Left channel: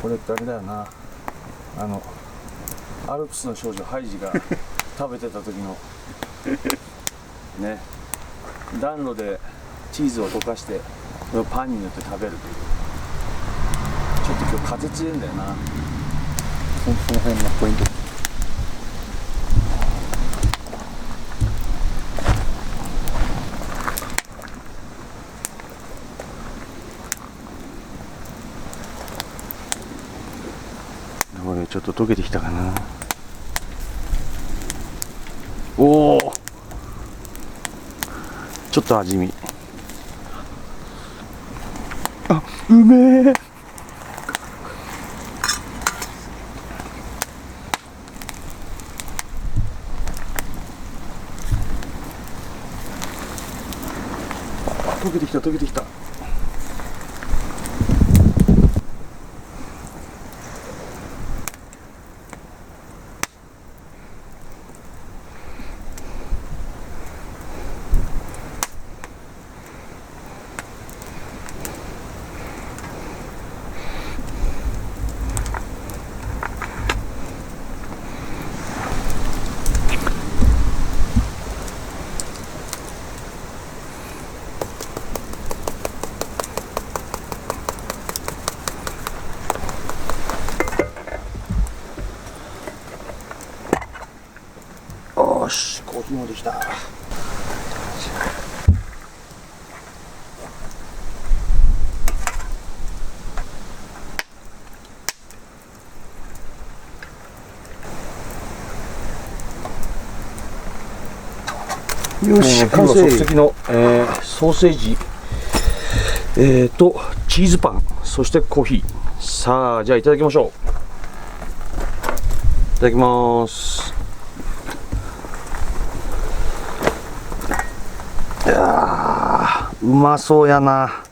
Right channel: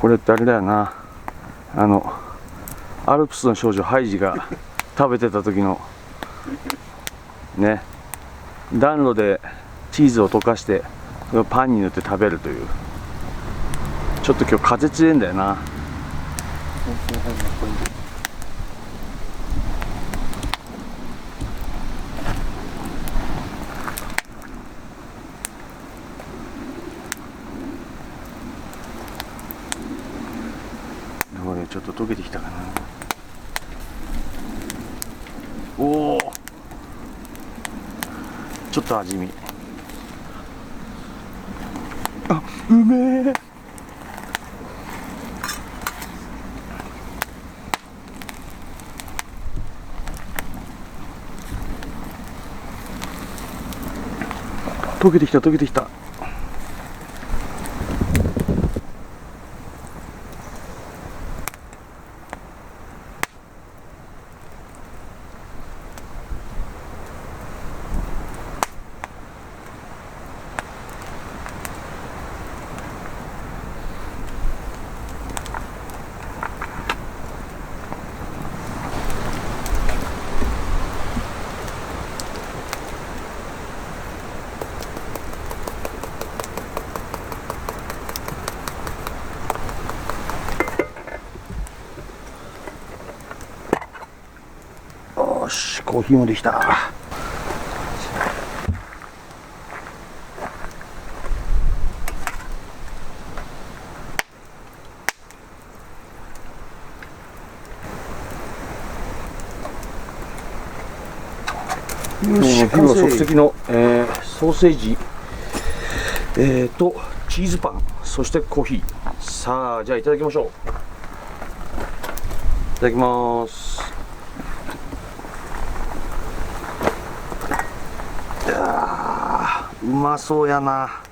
これってあれだよな、アルプスの少女ハイジが食べてた時のね、暖炉でチーズを溶かしてパンに塗って食べるという。ちょっと今日風強いんだよな。その辺のポイント。これちょっと溶けてきたかな。おお、ちょっと味見。あ、うめえ。溶けてきた溶けてきた。よし、コーヒーもできた。よし、完成。即席の、ソーセージ、とチーズパン、そしてコーヒー。さあ、じゃあいただきましょう。いただきます。うまそうやな。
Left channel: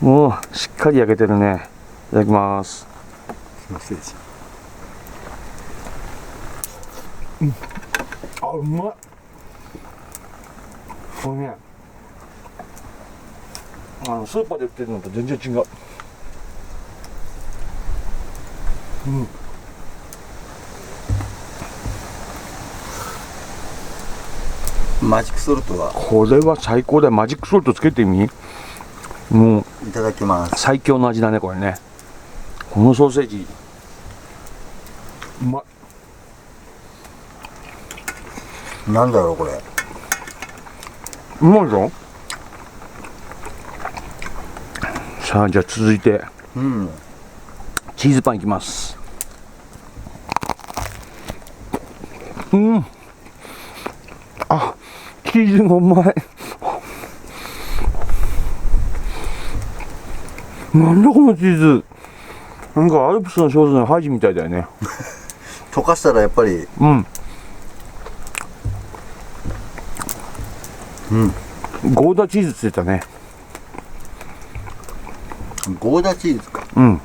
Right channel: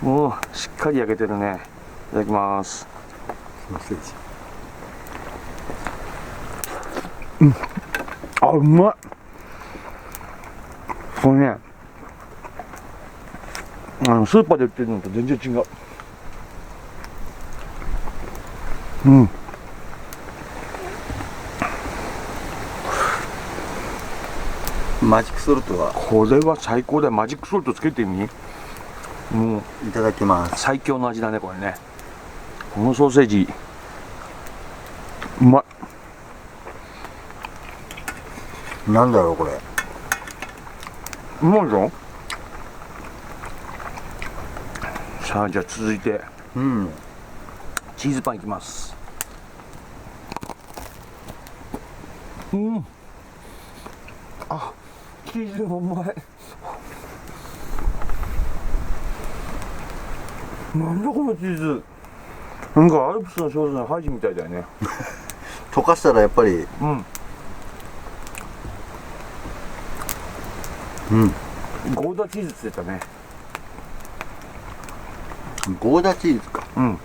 もうしっかり焼けてるね。いただきます。ソーセージ。うん、あ、うまい。これね、スーパーで売ってるのと全然違う。うん。マジックソルトはこれは最高だよ。マジックソルトつけてみ。もういただきます。最強の味だねこれね。このソーセージうまい。なんだろうこれ。うまいぞ。さあ、じゃあ続いて、うん。チーズパンいきます。うん。あ、チーズもうまい。なんだこのチーズ。なんかアルプスの少女のハイジみたいだよね。溶かしたらやっぱり。うん。うん。ゴーダチーズって言ってたね。ゴーダチーズか。うん。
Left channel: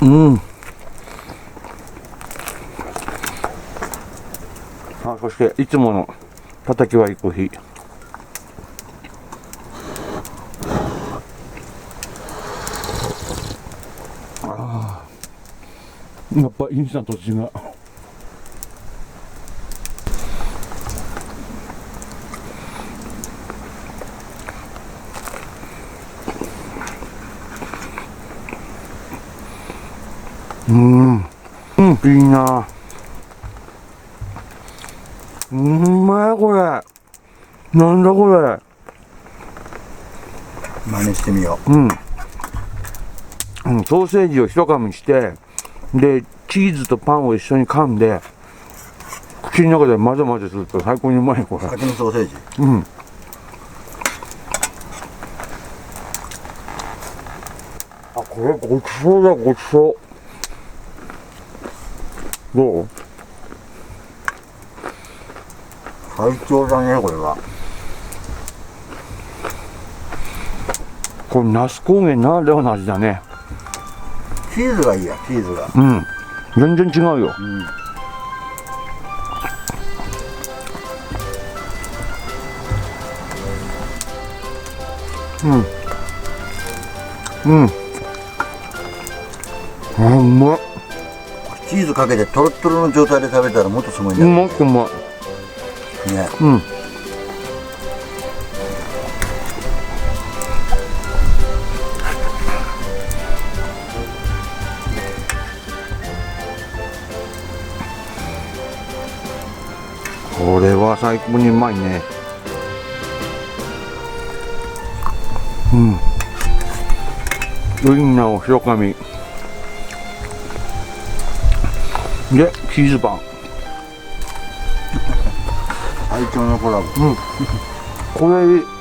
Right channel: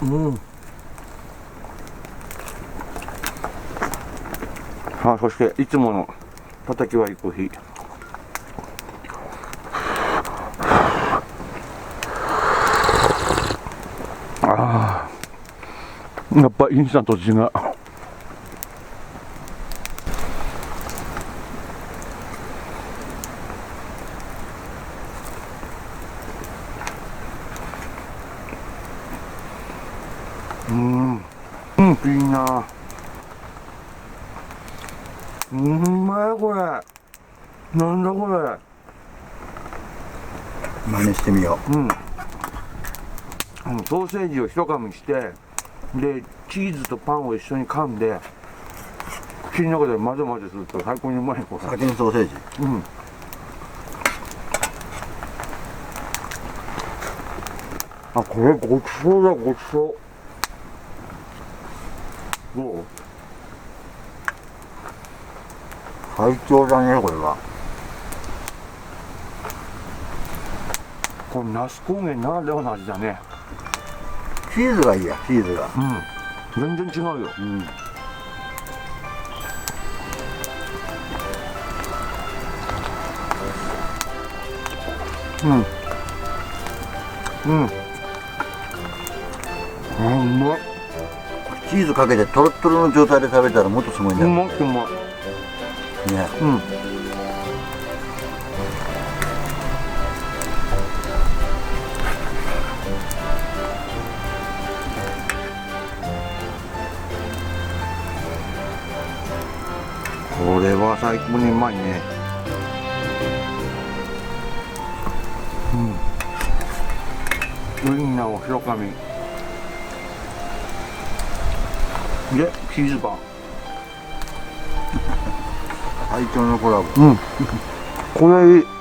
うん。あ、そしていつもの叩き割りコーヒー。ああ、やっぱインスタントと違う。いいな。うまいこれ。なんだこれ。真似してみようん。ソーセージを一噛みして、でチーズとパンを一緒に噛んで、口の中で混ぜ混ぜすると最高にうまいこれ。う。先にソーセージ。うん。あ、これごちそうだ、ごちそう。どう？最強だねこれは。これ那須高原ならではの味だね。チーズがいいや、チーズが。うん。全然違うよ。うん。うん。うんあうまいチーズかけてトロットロの状態で食べたらもっとすごいんだうよまくうまいね。うんこれは最高にうまいねうんウインナーを白髪でチーズパン最強のコラボ。うんこれいい